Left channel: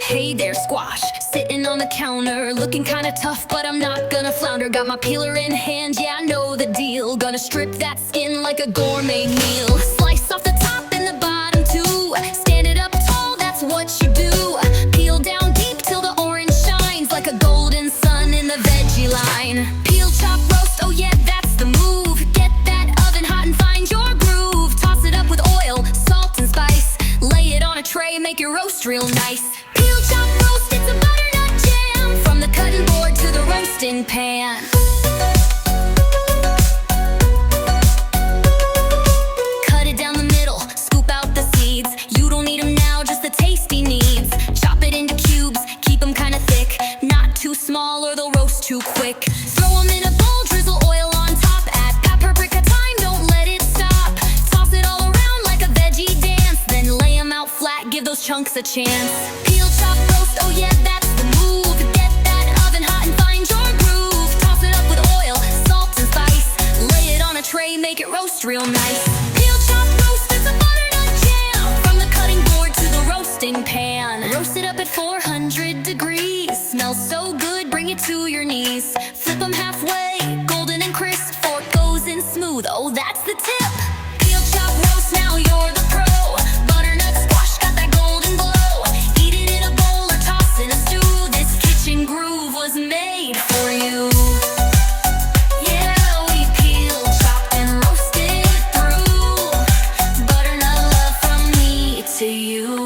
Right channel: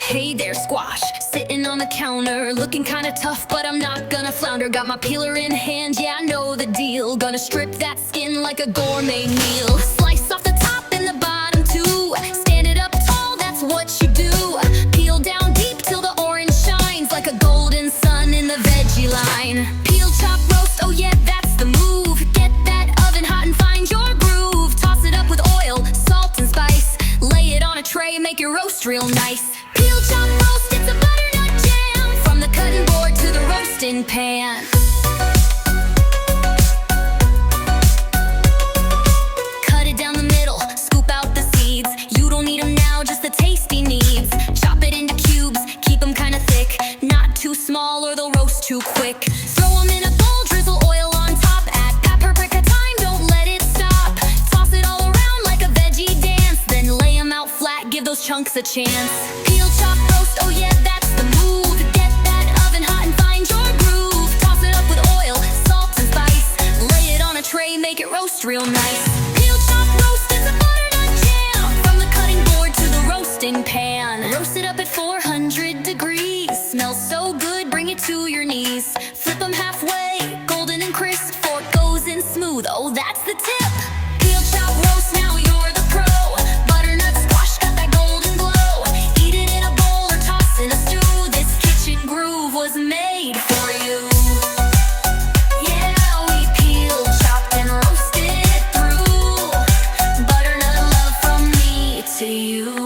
Hey there, squash, sitting on the counter, looking kinda tough, but I'm not gonna flounder. Got my peeler in hand, yeah, I know the deal. Gonna strip that skin like a gourmet meal. Slice off the top and the bottom too. Stand it up tall, that's what you do. Peel down deep till the orange shines like a golden sun in the veggie line. Peel, chop, roast, oh yeah, that's the move. Get that oven hot and find your groove. Toss it up with oil, salt and spice. Lay it on a tray and make your roast real nice. Peel, chop, roast, it's a butternut jam. From the cutting board to the roasting pan. Cut it down the middle, scoop out the seeds. You don't need them now, just the tasty needs. Chop it into cubes, keep them kinda thick. Not too small or they'll roast too quick. Throw them in a bowl, drizzle oil on top. Add paprika thyme, don't let it stop. Toss it all around like a veggie dance. Then lay them out flat, give those chunks a chance. Peel, chop, roast, oh yeah, that's the move. Get that oven hot and find your groove. Toss it up with oil, salt and spice. Lay it on a tray, make it roast real nice. Peel, chop, roast, it's a butternut jam. From the cutting board to the roasting pan. Roast it up at 400 degrees. Smells so good, bring it to your knees. Flip them halfway, golden and crisp. Fork goes in smooth, oh that's the tip. Peel, chop, roast, now you're the pro. Butternut squash got that golden glow. Eat it in a bowl or toss in a stew. This kitchen groove was made for you. Yeah, we peeled, chopped, and roasted it through. Butternut love from me to you.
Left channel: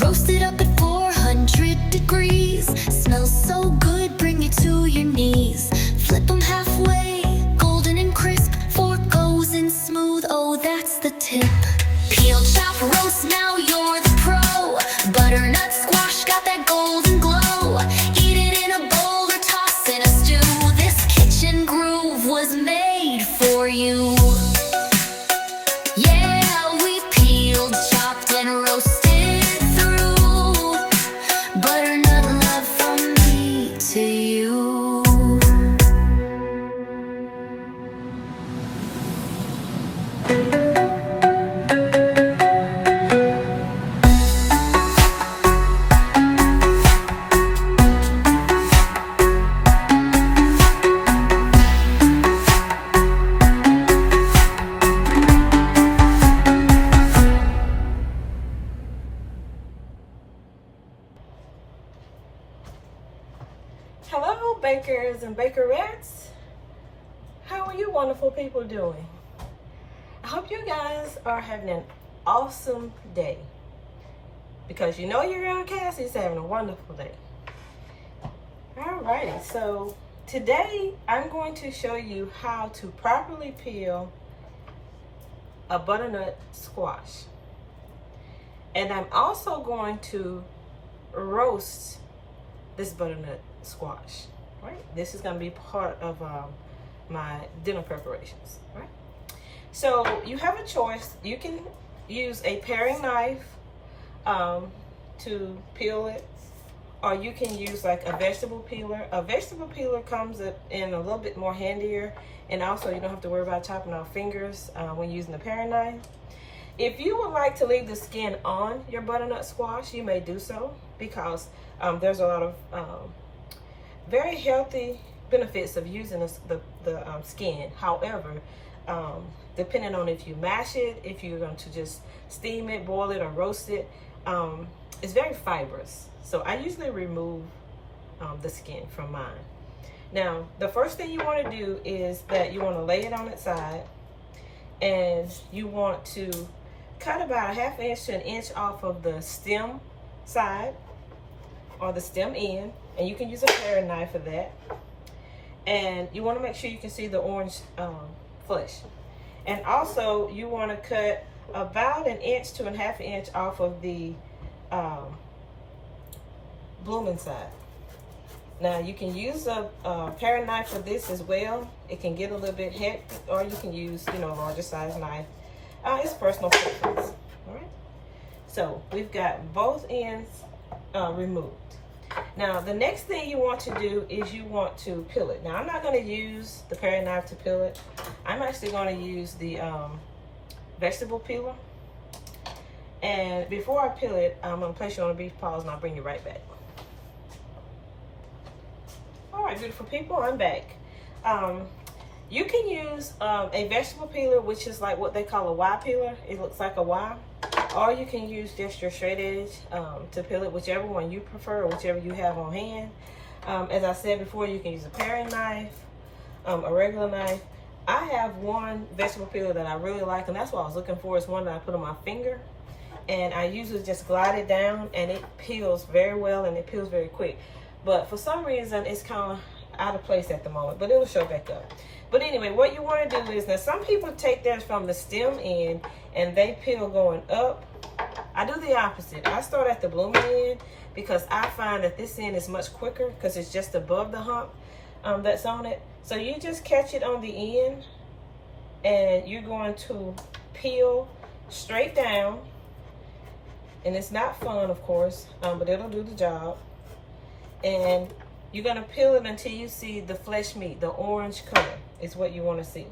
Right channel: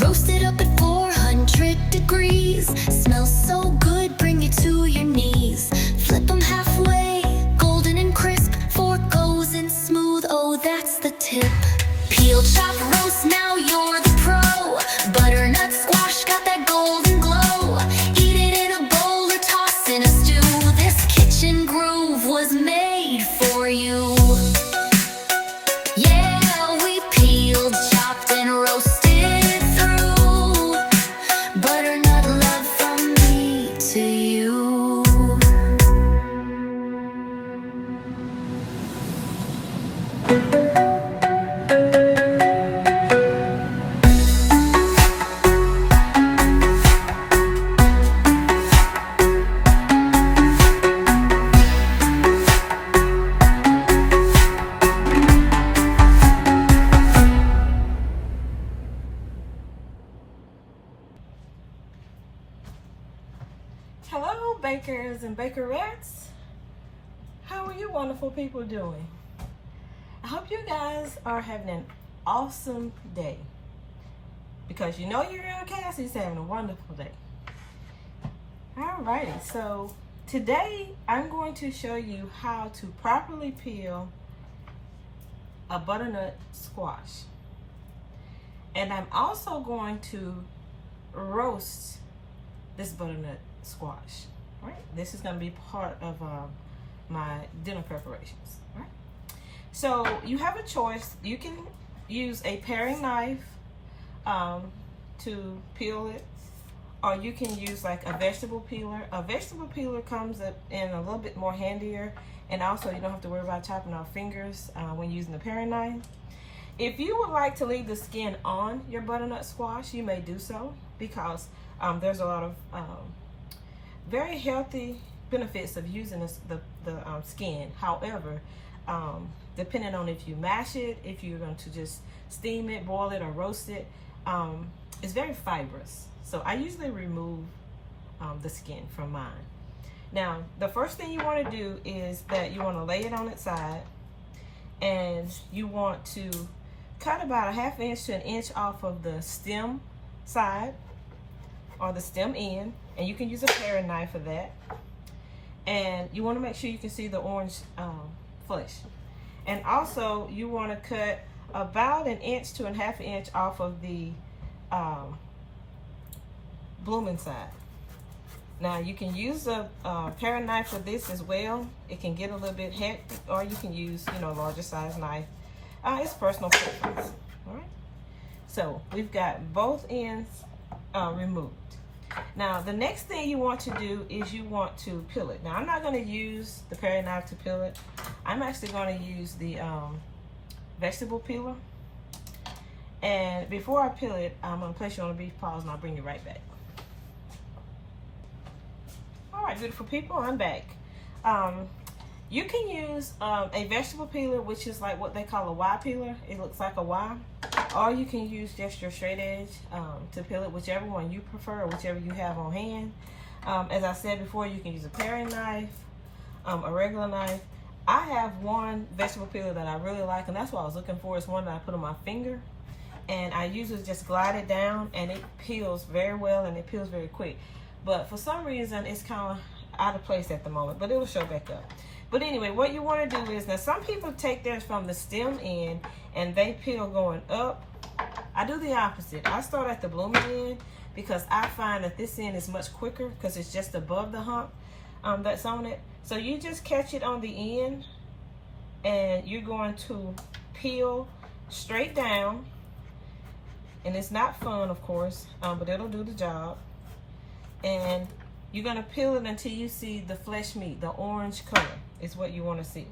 Roast it up at 400 degrees. Smells so good, bring it to your knees. Flip them halfway, golden and crisp. Fork goes in smooth, oh that's the tip. Peel, chop, roast, now you're the pro. Butternut squash got that golden glow. Eat it in a bowl or toss in a stew. This kitchen groove was made for you. Yeah, we peeled, chopped, and roasted through. Butternut love from me to you. Hello, bakers and bakerettes. How are you wonderful people doing? I hope you guys are having an awesome day, because you know your girl Cassie's having a wonderful day. Alrighty, so today I'm going to show you how to properly peel a butternut squash. And I'm also going to roast this butternut squash, right? This is going to be part of my dinner preparations, right? So you have a choice. You can use a paring knife to peel it, or you can use like a vegetable peeler. A vegetable peeler comes in a little bit more handier, and also you don't have to worry about chopping off fingers when using the paring knife. If you would like to leave the skin on your butternut squash, you may do so, because there's a lot of very healthy benefits of using the skin. However, depending on if you mash it, if you're going to just steam it, boil it, or roast it, it's very fibrous. So I usually remove the skin from mine. Now, the first thing you want to do is that you want to lay it on its side, and you want to cut about a ½ inch to an inch off of the stem side, or the stem end, and you can use a paring knife for that. And you want to make sure you can see the orange flesh. And also you want to cut about an inch to a ½ inch off of the blooming side. Now you can use a paring knife for this as well. It can get a little bit hectic, or you can use, a larger size knife. It's personal preference. All right. So we've got both ends removed. Now the next thing you want to do is you want to peel it. Now I'm not going to use the paring knife to peel it. I'm actually going to use the vegetable peeler. And before I peel it, I'm going to place you on a brief pause and I'll bring you right back. All right, beautiful people, I'm back. You can use a vegetable peeler, which is like what they call a Y peeler. It looks like a Y. Or you can use just your straight edge to peel it, whichever one you prefer, or whichever you have on hand. As I said before, you can use a paring knife, a regular knife. I have one vegetable peeler that I really like, and that's what I was looking for. It's one that I put on my finger. And I usually just glide it down, and it peels very well, and it peels very quick. But for some reason, it's kind of out of place at the moment, but it'll show back up. But anyway, what you want to do is, now some people take theirs from the stem end and they peel going up. I do the opposite. I start at the blooming end because I find that this end is much quicker because it's just above the hump that's on it. So you just catch it on the end and you're going to peel straight down. And it's not fun, of course, but it'll do the job. And you're gonna peel it until you see the flesh meat, the orange color is what you wanna see.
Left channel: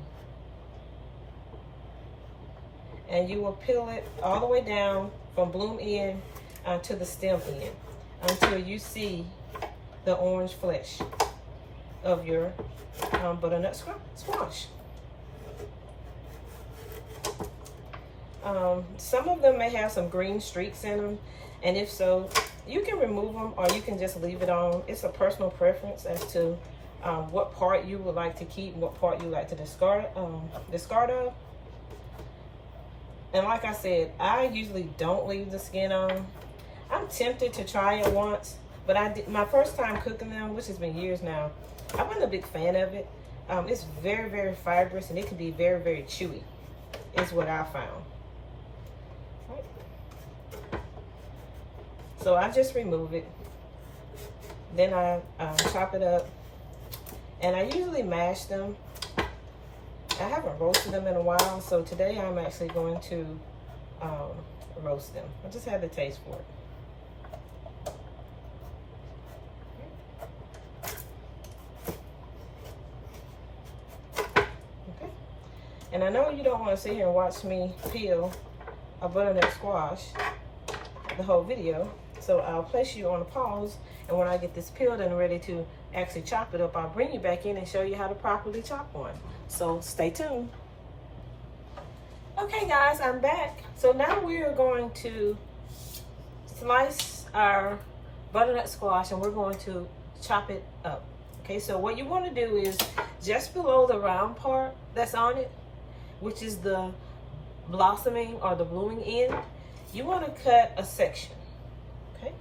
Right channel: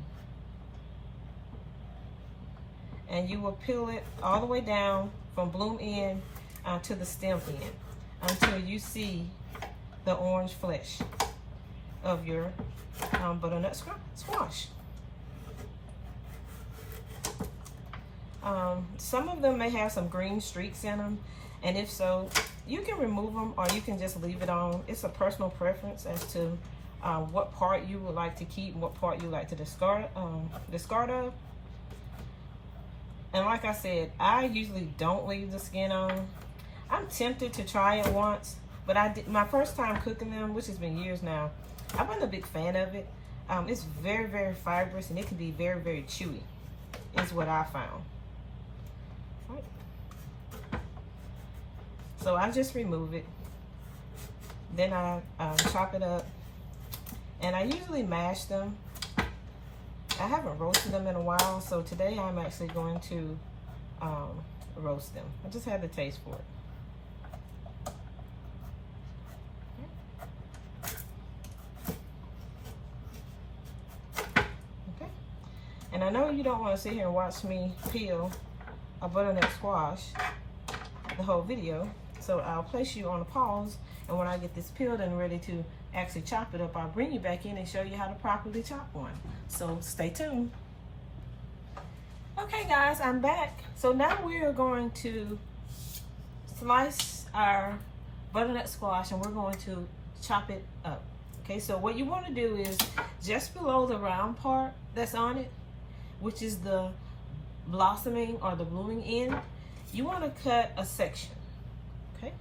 And you will peel it all the way down from bloom end to the stem end until you see the orange flesh of your butternut squash. Some of them may have some green streaks in them, and if so, you can remove them or you can just leave it on. It's a personal preference as to what part you would like to keep and what part you like to discard of. And like I said, I usually don't leave the skin on. I'm tempted to try it once, but my first time cooking them, which has been years now, I've been a big fan of it. It's very, very fibrous, and it can be very, very chewy, is what I found. So I just remove it, then I chop it up, and I usually mash them. I haven't roasted them in a while, so today I'm actually going to roast them. I just had the taste for it. Okay. And I know you don't want to sit here and watch me peel a butternut squash the whole video. So I'll place you on a pause, and when I get this peeled and ready to actually chop it up, I'll bring you back in and show you how to properly chop one. So stay tuned. Okay guys, I'm back. So now we are going to slice our butternut squash and we're going to chop it up. Okay, so what you want to do is just below the round part that's on it, which is the blossoming or the blooming end, you want to cut a section. Okay.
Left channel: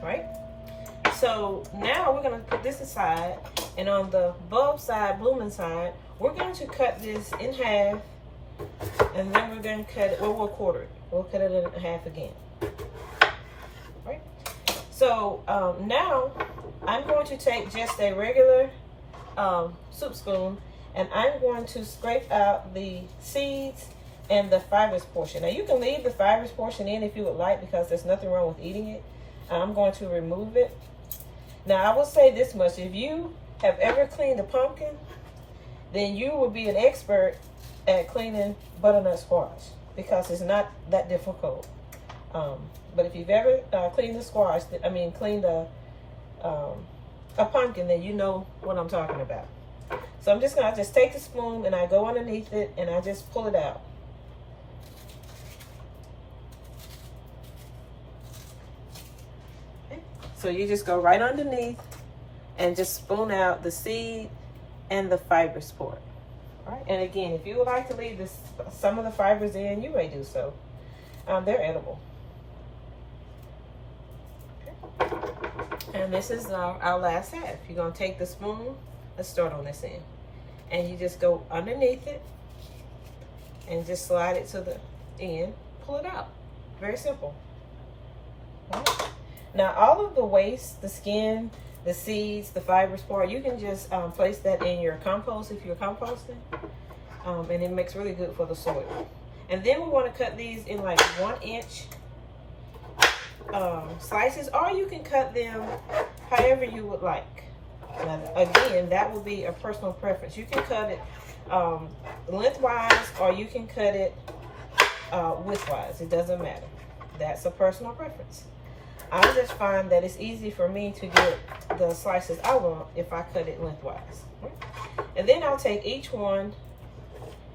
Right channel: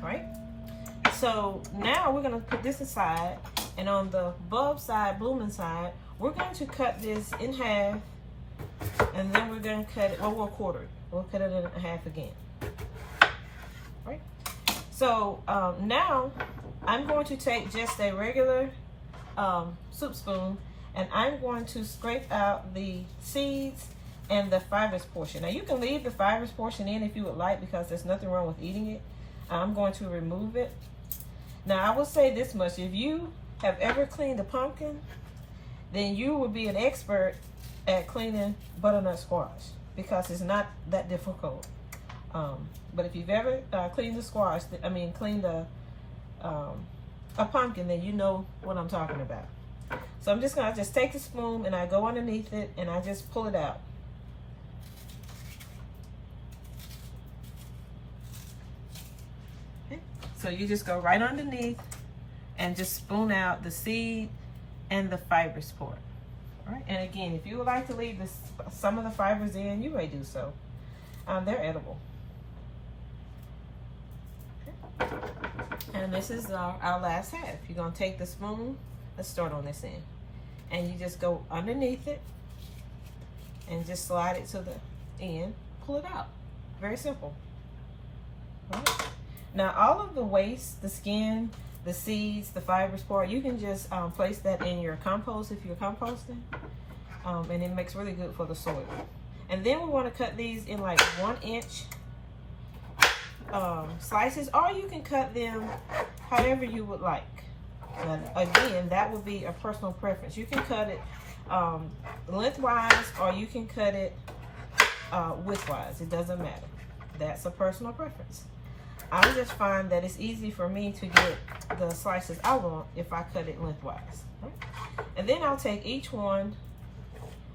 Right. So now we're going to put this aside, and on the bulb side, blooming side, we're going to cut this in half, and then we're going to cut it, well, we'll quarter it. We'll cut it in half again. Right. So now I'm going to take just a regular soup spoon, and I'm going to scrape out the seeds and the fibrous portion. Now you can leave the fibrous portion in if you would like, because there's nothing wrong with eating it. I'm going to remove it. Now I will say this much: if you have ever cleaned a pumpkin, then you will be an expert at cleaning butternut squash, because it's not that difficult. But if you've ever cleaned the squash, cleaned a pumpkin, then you know what I'm talking about. So I'm just gonna take the spoon and I go underneath it and I just pull it out. Okay. So you just go right underneath and just spoon out the seed and the fibrous part. All right. And again, if you would like to leave some of the fibers in, you may do so. They're edible. Okay. And this is our last half. You're gonna take the spoon. Let's start on this end. And you just go underneath it and just slide it to the end, pull it out. Very simple. Right. Now all of the waste, the skin, the seeds, the fibrous part, you can just place that in your compost if you're composting. and it makes really good for the soil. And then we want to cut these in like 1-inch slices, or you can cut them however you would like. Now, again, that would be a personal preference. You can cut it lengthwise, or you can cut it widthwise. It doesn't matter. That's a personal preference. I just find that it's easy for me to get the slices I want if I cut it lengthwise. And then I'll take each one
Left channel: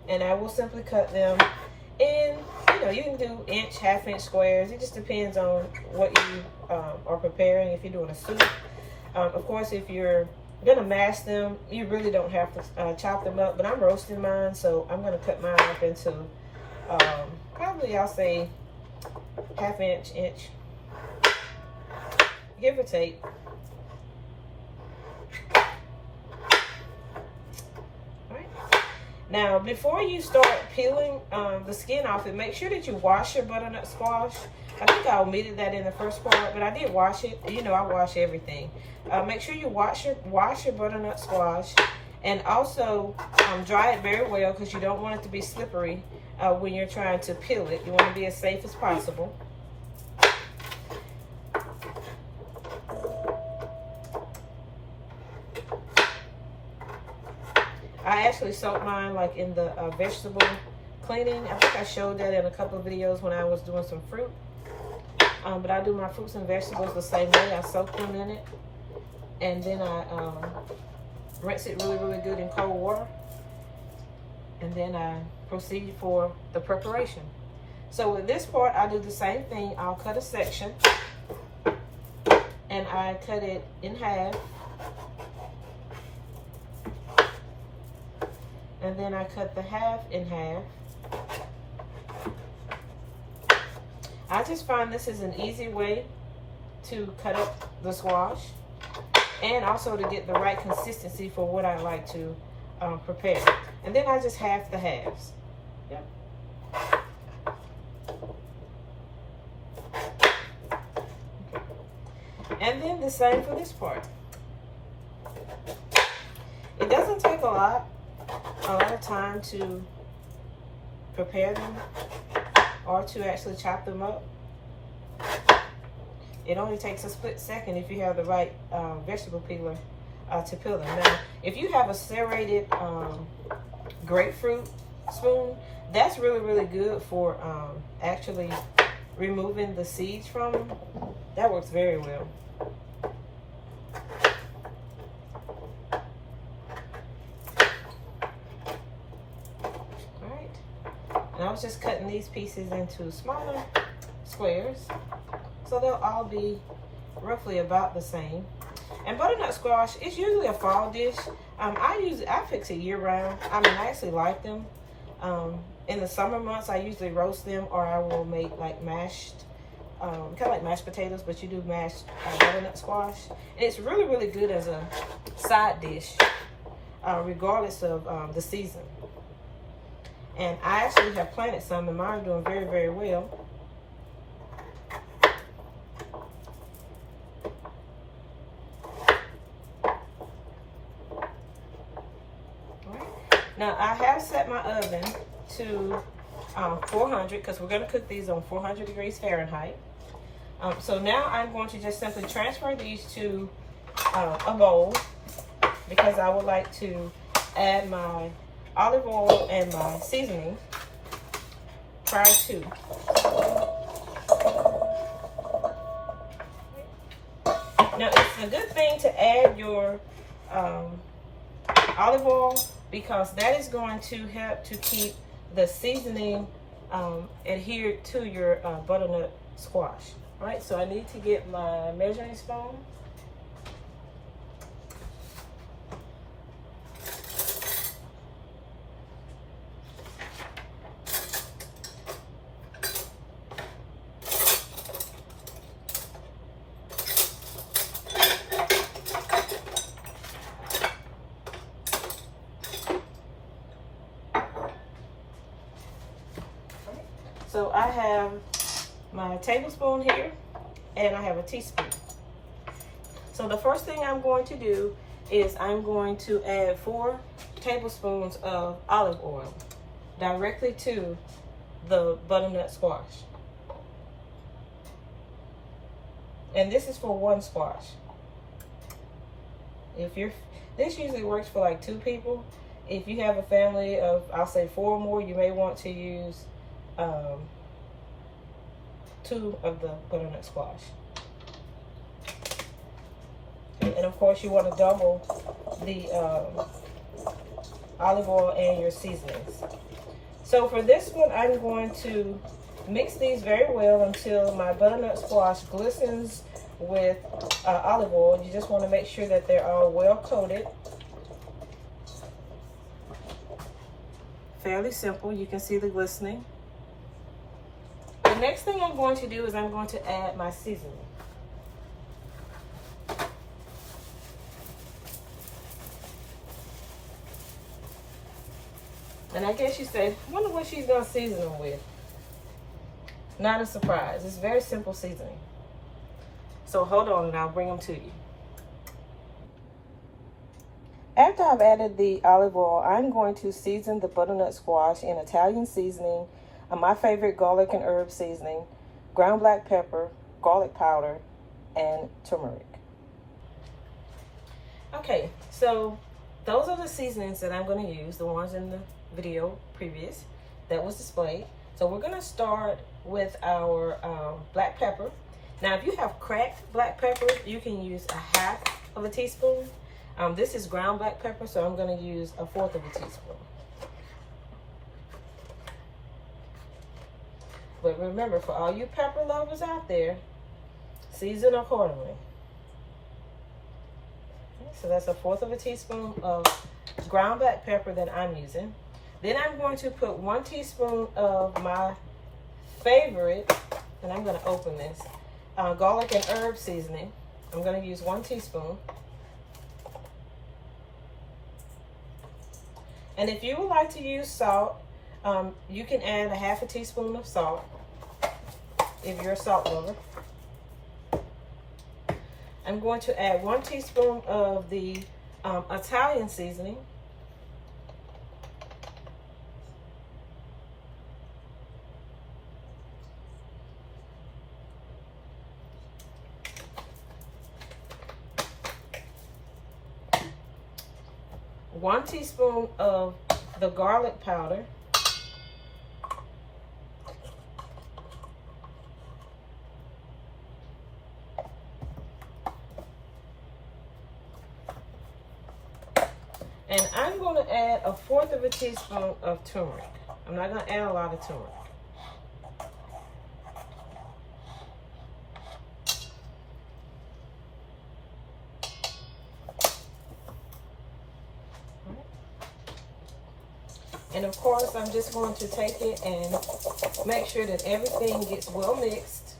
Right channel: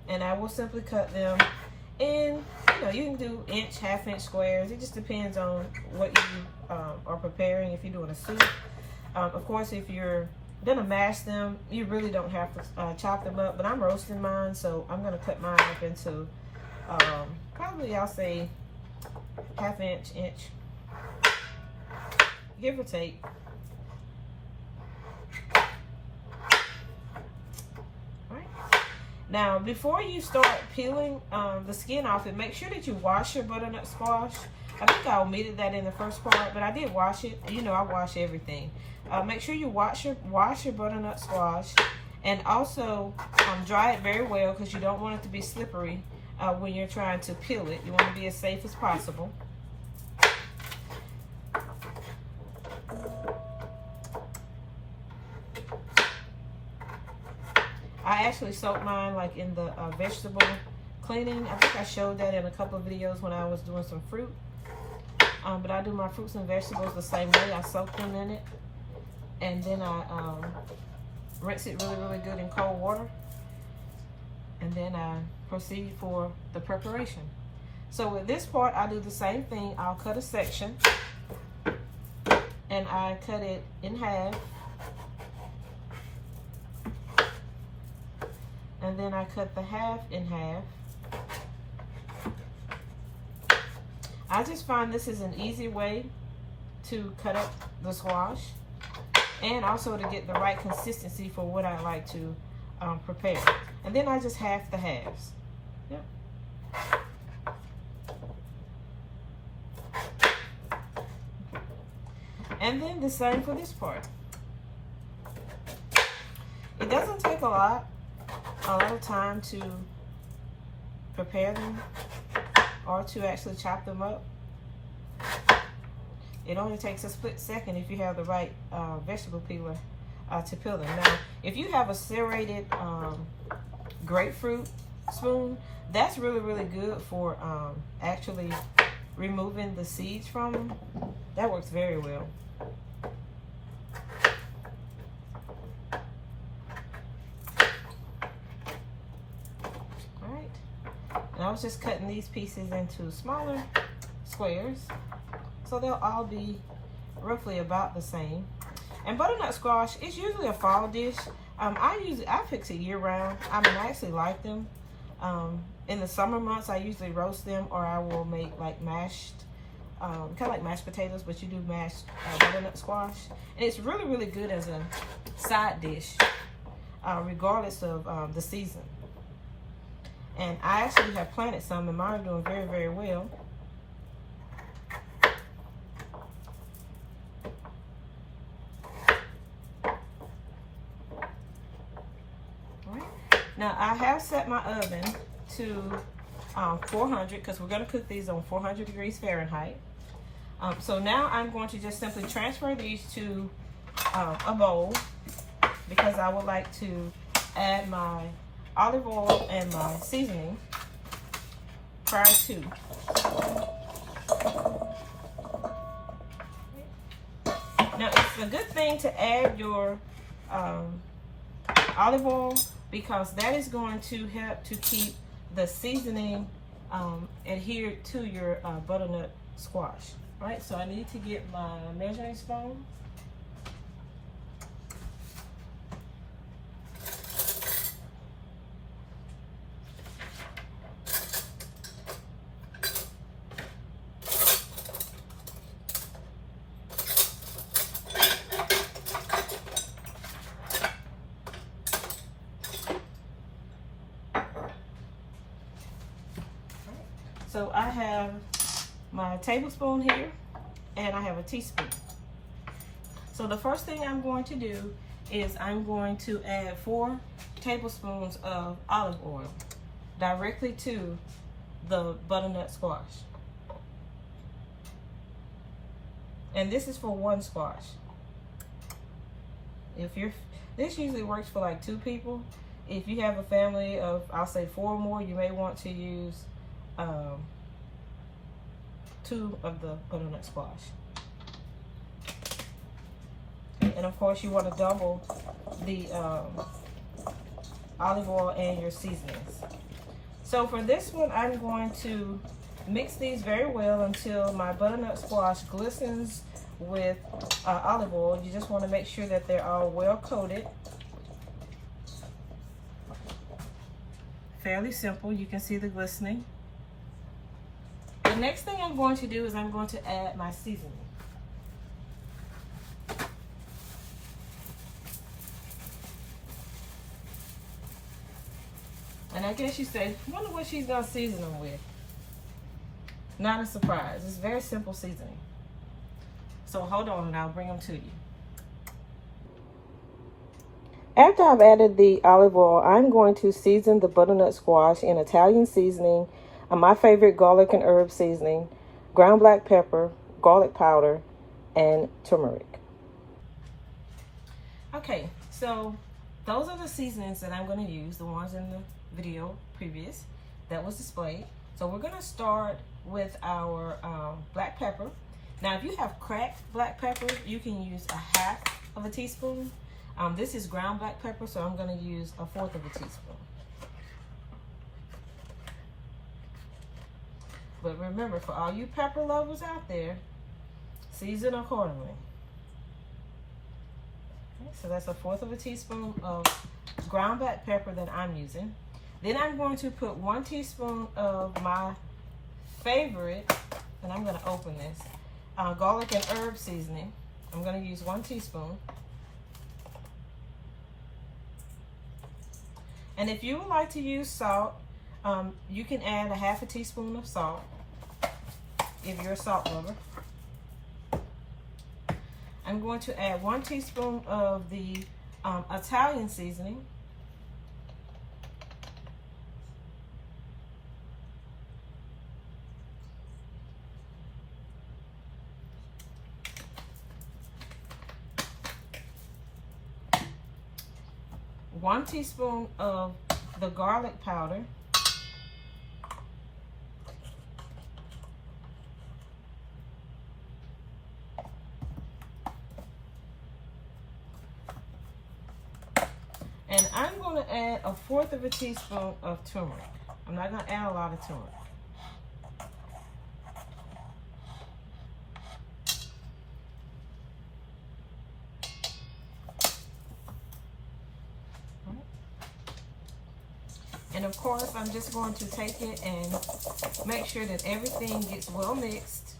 and I will simply cut them in, you can do inch, half-inch squares. It just depends on what you are preparing. If you're doing a soup, of course, if you're gonna mash them, you really don't have to chop them up, but I'm roasting mine, so I'm gonna cut mine up into probably, I'll say, half-inch, inch, give or take. Now, before you start peeling the skin off it, make sure that you wash your butternut squash. I think I omitted that in the first part, but I did wash it. I wash everything. Make sure you wash your butternut squash, and also dry it very well, because you don't want it to be slippery when you're trying to peel it. You want to be as safe as possible. I actually soaked mine like in the vegetable cleaning. I think I showed that in a couple of videos when I was doing some fruit. But I do my fruits and vegetables the same way. I soak them in it, and then I rinse it really, really good in cold water. And then I proceed for the preparation. So with this part, I do the same thing. I'll cut a section, and I cut it in half. And then I cut the half in half. I just find this is an easy way to cut up the squash, and also to get the right consistency for what I like to prepare. And then I just half the halves. Yep. And then the same for this part. It doesn't take a lot of time to prepare them or to actually chop them up. It only takes a split second if you have the right vegetable peeler to peel them. Now, if you have a serrated grapefruit spoon, that's really, really good for actually removing the seeds from them. That works very well. I was just cutting these pieces into smaller squares, so they'll all be roughly about the same. And butternut squash is usually a fall dish. I fix it year round. I actually like them. In the summer months, I usually roast them, or I will make like mashed, kind of like mashed potatoes, but you do mashed butternut squash. And it's really, really good as a side dish, regardless of the season. And I actually have planted some, and mine are doing very, very well. Now, I have set my oven to 400, because we're going to cook these on 400 degrees Fahrenheit. So now I'm going to just simply transfer these to a bowl, because I would like to add my olive oil and my seasoning prior to. Now, it's a good thing to add your olive oil, because that is going to help to keep the seasoning adhered to your butternut squash. All right, so I need to get my measuring spoon. So I have my tablespoon here, and I have a teaspoon. So the first thing I'm going to do is I'm going to add 4 tablespoons of olive oil directly to the butternut squash. And this is for one squash. This usually works for like 2 people. If you have a family of, I'll say 4 or more, you may want to use 2 of the butternut squash. And of course you want to double the olive oil and your seasonings. So for this one, I'm going to mix these very well until my butternut squash glistens with olive oil. You just want to make sure that they're all well coated. Fairly simple. You can see the glistening. The next thing I'm going to do is I'm going to add my seasoning. And I guess you say, I wonder what she's going to season them with. Not a surprise. It's very simple seasoning. So hold on and I'll bring them to you. After I've added the olive oil, I'm going to season the butternut squash in Italian seasoning, my favorite garlic and herb seasoning, ground black pepper, garlic powder, and turmeric. Okay, so those are the seasonings that I'm going to use, the ones in the video previous that was displayed. So we're going to start with our black pepper. Now if you have cracked black pepper, you can use a half of a teaspoon. This is ground black pepper, so I'm going to use a 1/4 of a teaspoon. But remember, for all you pepper lovers out there, season accordingly. Okay, so that's a 1/4 of a teaspoon of ground black pepper that I'm using. Then I'm going to put 1 teaspoon of my favorite, and I'm going to open this, garlic and herb seasoning. I'm going to use 1 teaspoon. And if you would like to use salt, you can add a half a teaspoon of salt if you're a salt lover. I'm going to add 1 teaspoon of the Italian seasoning. One teaspoon of the garlic powder. And I'm going to add a 1/4 of a teaspoon of turmeric. I'm not going to add a lot of turmeric. And of course, I'm just going to take it and make sure that everything gets well mixed.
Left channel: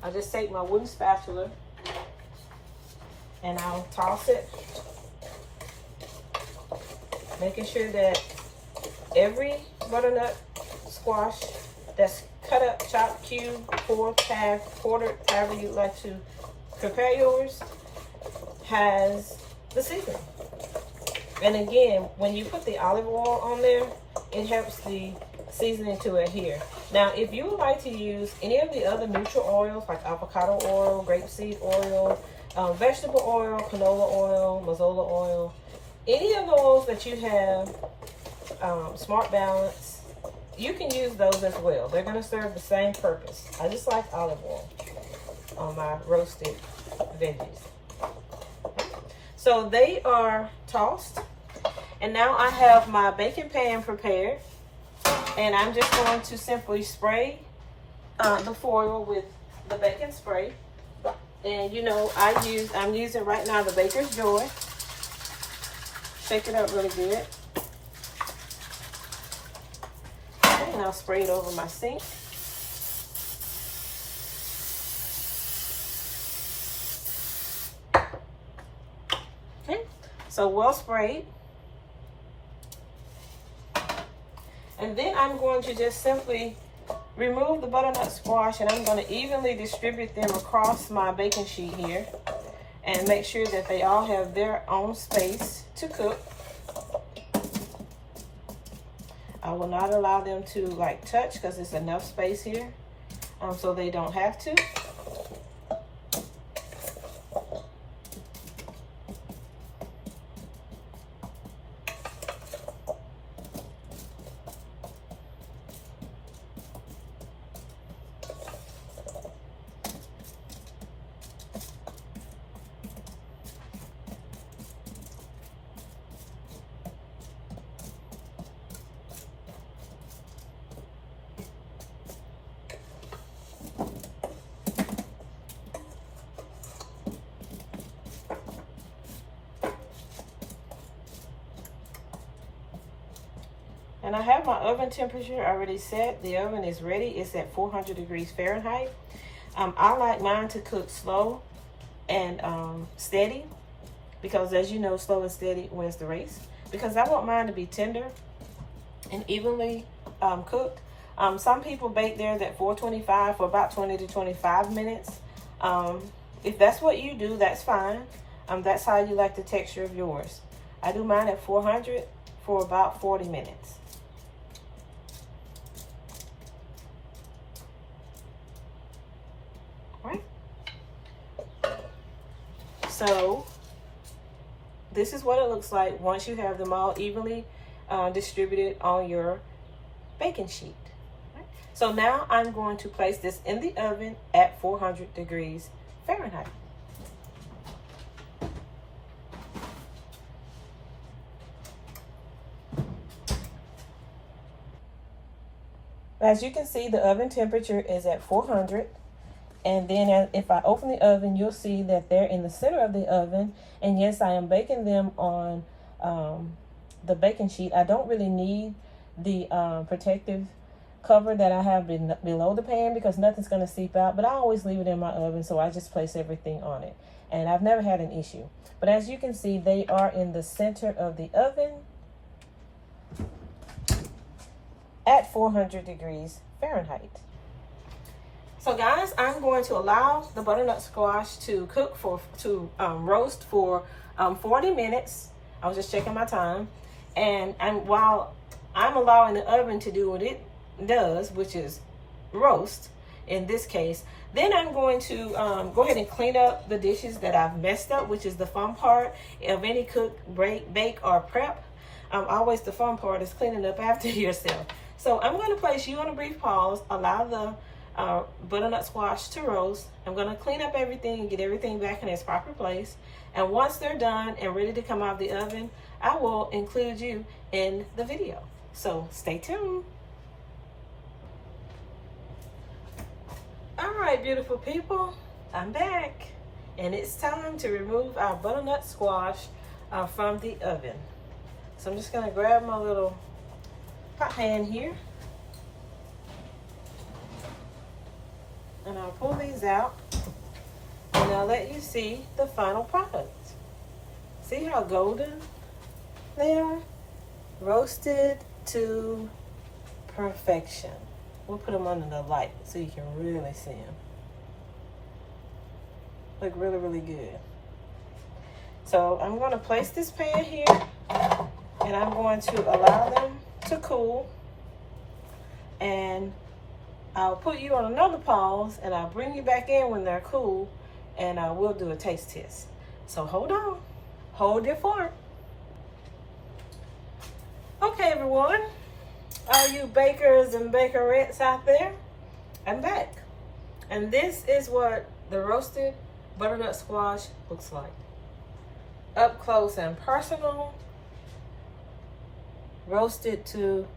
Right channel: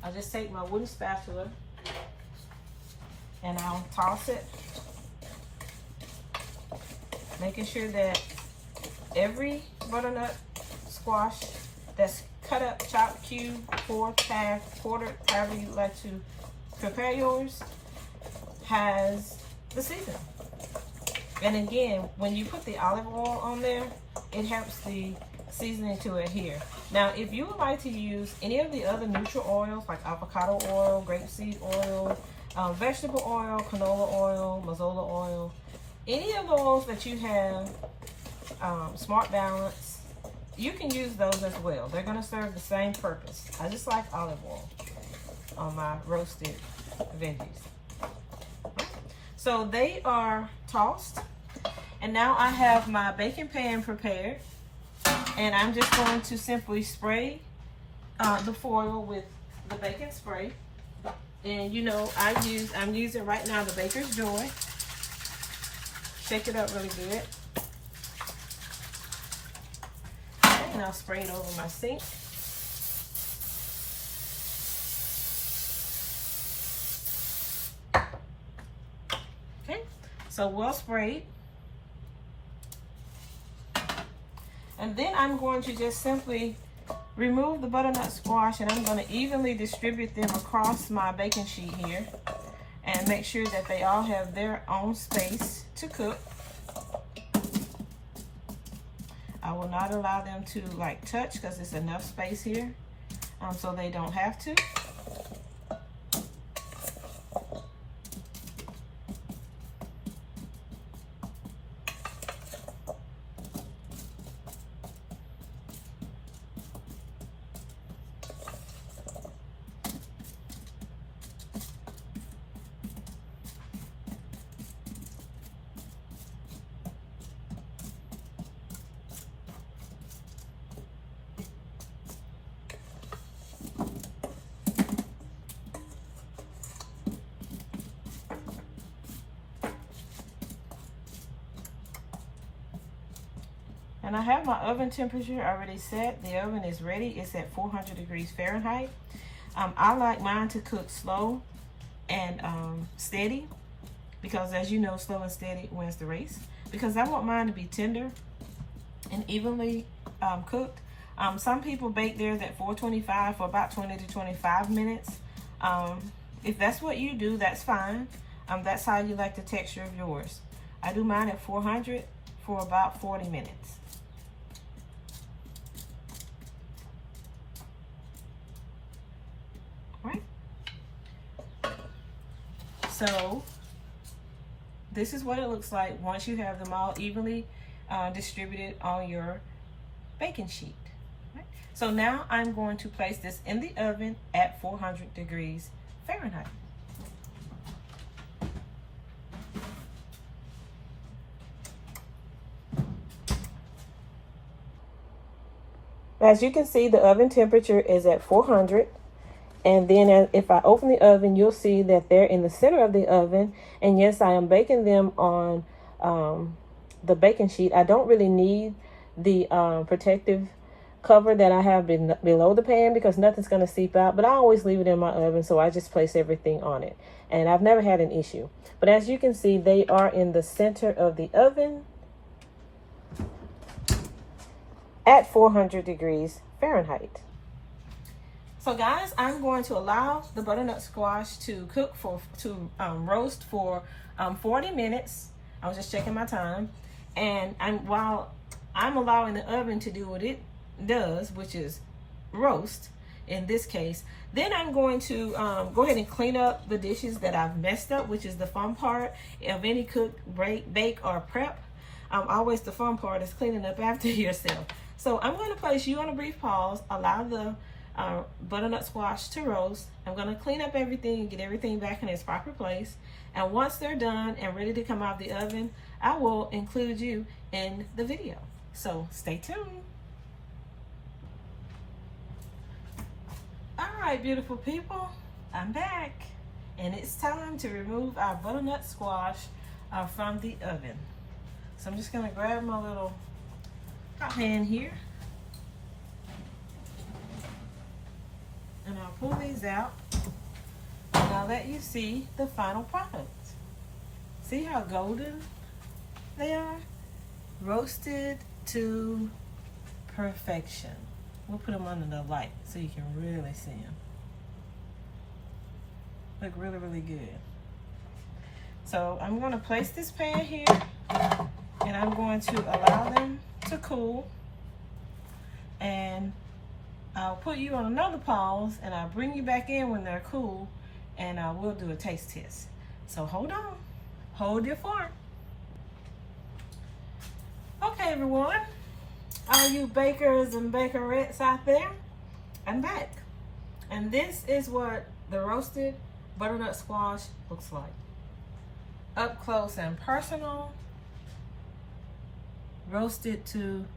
I'll just take my wooden spatula and I'll toss it, making sure that every butternut squash that's cut up, chopped, cubed, fourth, half, quartered, however you like to prepare yours, has the seasoning. And again, when you put the olive oil on there, it helps the seasoning to adhere. Now, if you would like to use any of the other neutral oils, like avocado oil, grapeseed oil, vegetable oil, canola oil, mazola oil, any of the oils that you have, Smart Balance, you can use those as well. They're going to serve the same purpose. I just like olive oil on my roasted veggies. So they are tossed, and now I have my baking pan prepared, and I'm just going to simply spray the foil with the baking spray. And you know, I'm using right now the Baker's Joy. Shake it up really good, and I'll spray it over my sink. So well sprayed. And then I'm going to just simply remove the butternut squash, and I'm going to evenly distribute them across my baking sheet here and make sure that they all have their own space to cook. I will not allow them to like touch because there's enough space here, so they don't have to. And I have my oven temperature already set. The oven is ready. It's at 400 degrees Fahrenheit. I like mine to cook slow and steady, because as you know, slow and steady wins the race. Because I want mine to be tender and evenly cooked. Some people bake theirs at 425 for about 20 to 25 minutes. If that's what you do, that's fine. That's how you like the texture of yours. I do mine at 400 for about 40 minutes. Right? So this is what it looks like once you have them all evenly distributed on your baking sheet. Right? So now I'm going to place this in the oven at 400 degrees Fahrenheit. As you can see, the oven temperature is at 400. And then if I open the oven, you'll see that they're in the center of the oven. And yes, I am baking them on the baking sheet. I don't really need the protective cover that I have below the pan because nothing's going to seep out. But I always leave it in my oven, so I just place everything on it. And I've never had an issue. But as you can see, they are in the center of the oven at 400 degrees Fahrenheit. So guys, I'm going to allow the butternut squash to cook roast for 40 minutes. I was just checking my time. And while I'm allowing the oven to do what it does, which is roast in this case, then I'm going to go ahead and clean up the dishes that I've messed up, which is the fun part of any cook, bake, or prep. Always the fun part is cleaning up after yourself. So I'm going to place you on a brief pause, allow the butternut squash to roast. I'm going to clean up everything and get everything back in its proper place. And once they're done and ready to come out of the oven, I will include you in the video. So stay tuned. All right, beautiful people, I'm back. And it's time to remove our butternut squash from the oven. So I'm just going to grab my little hot pan here. And I'll pull these out and I'll let you see the final product. See how golden they are? Roasted to perfection. We'll put them under the light so you can really see them. Look really, really good. So I'm going to place this pan here and I'm going to allow them to cool. And I'll put you on another pause and I'll bring you back in when they're cool and I will do a taste test. So hold on, hold your fork. Okay everyone, all you bakers and bakerettes out there, I'm back. And this is what the roasted butternut squash looks like. Up close and personal, roasted to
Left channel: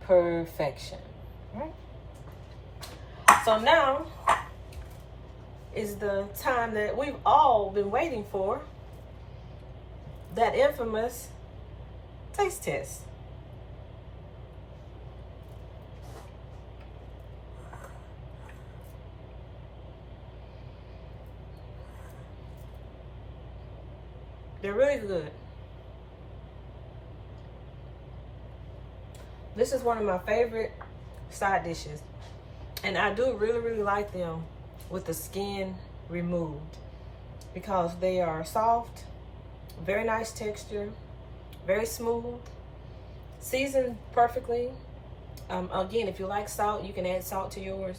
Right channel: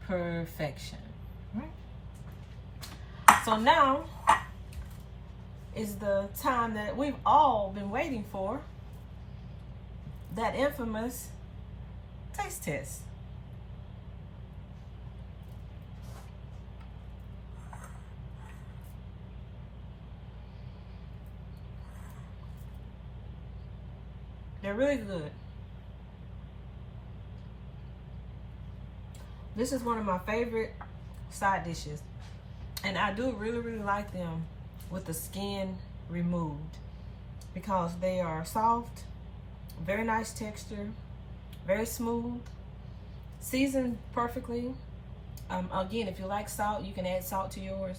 perfection. Right? So now is the time that we've all been waiting for, that infamous taste test. They're really good. This is one of my favorite side dishes. And I do really, really like them with the skin removed because they are soft, very nice texture, very smooth, seasoned perfectly. Again, if you like salt, you can add salt to yours,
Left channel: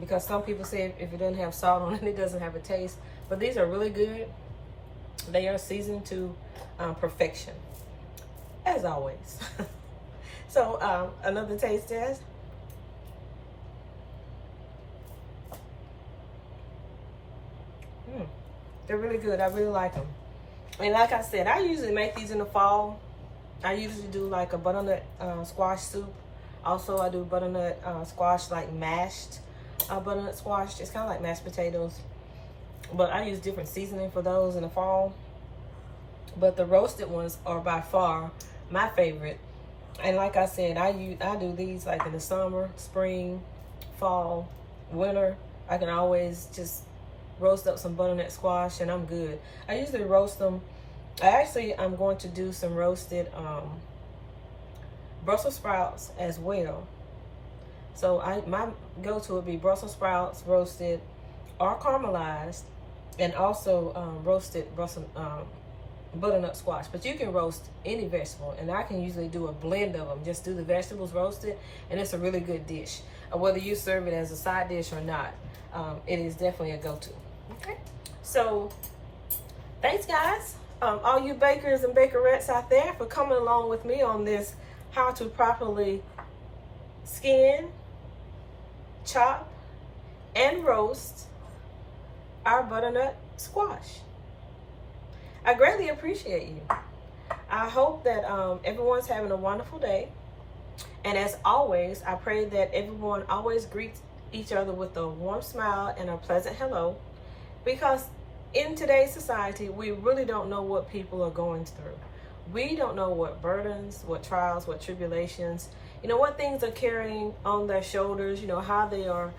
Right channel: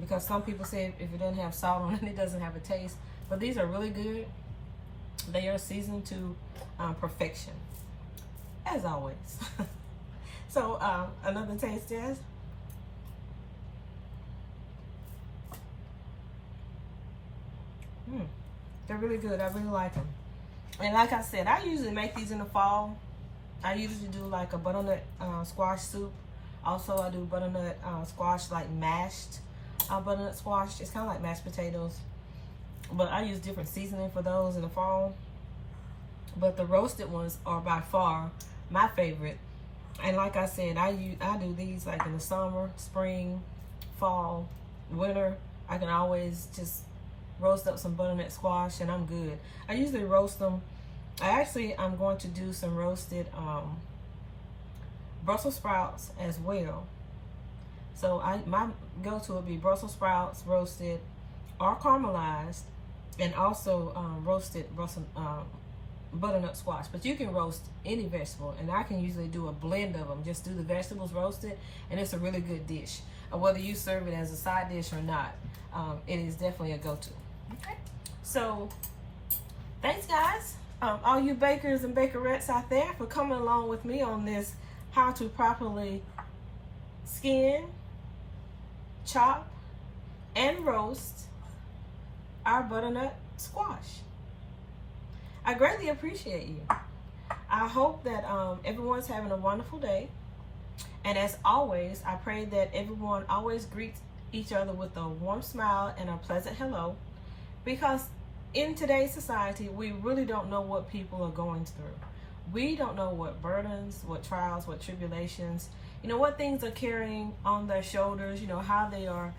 because some people say if it doesn't have salt on it, it doesn't have a taste. But these are really good. They are seasoned to perfection, as always. So another taste test. They're really good. I really like them. And like I said, I usually make these in the fall. I usually do like a butternut squash soup. Also, I do butternut squash, like mashed butternut squash. It's kind of like mashed potatoes. But I use different seasoning for those in the fall. But the roasted ones are by far my favorite. And like I said, I do these like in the summer, spring, fall, winter. I can always just roast up some butternut squash and I'm good. I usually roast them. I'm going to do some roasted Brussels sprouts as well. So my go-to would be Brussels sprouts roasted or caramelized, and also roasted butternut squash. But you can roast any vegetable, and I can usually do a blend of them. Just do the vegetables roasted, and it's a really good dish. Whether you serve it as a side dish or not, it is definitely a go-to. Okay, so thanks guys, all you bakers and bakerettes out there, for coming along with me on this how to properly skin, chop, and roast our butternut squash. I greatly appreciate you. I hope that everyone's having a wonderful day. And as always, I pray that everyone always greets each other with a warm smile and a pleasant hello, because in today's society, we really don't know what people are going through. We don't know what burdens, what trials, what tribulations, what things are carrying on their shoulders, how they are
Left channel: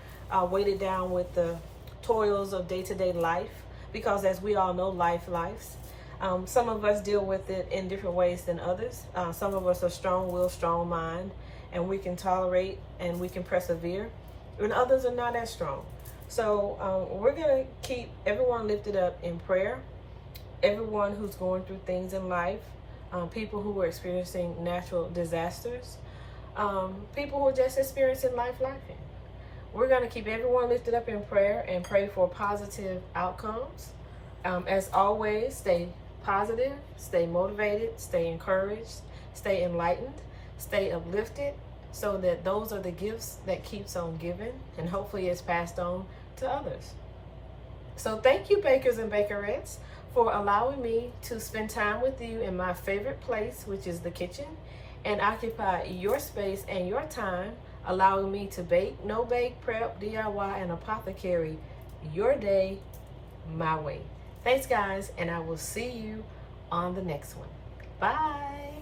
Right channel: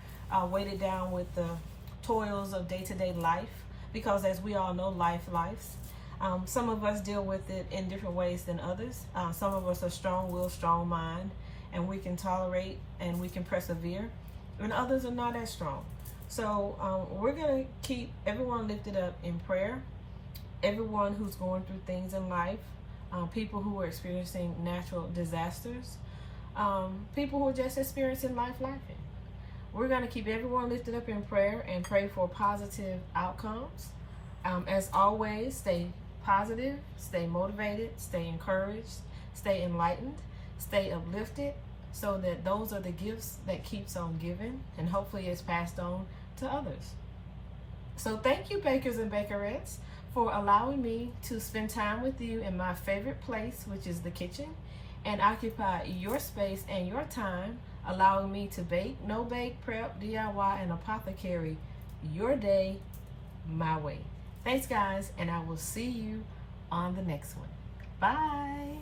weighted down with the toils of day-to-day life, because as we all know, life lives. Some of us deal with it in different ways than others. Some of us are strong-willed, strong mind, and we can tolerate and we can persevere, and others are not as strong. So we're going to keep everyone lifted up in prayer, everyone who's going through things in life, people who are experiencing natural disasters, people who are just experiencing life. We're going to keep everyone lifted up in prayer and pray for positive outcomes. As always, stay positive, stay motivated, stay encouraged, stay enlightened, stay uplifted, so that those are the gifts that keeps on giving, and hopefully it's passed on to others. So thank you, bakers and bakerettes, for allowing me to spend time with you in my favorite place, which is the kitchen, and occupy your space and your time, allowing me to bake, no bake, prep, DIY, and apothecary your day my way. Thanks guys, and I will see you on the next one. Bye.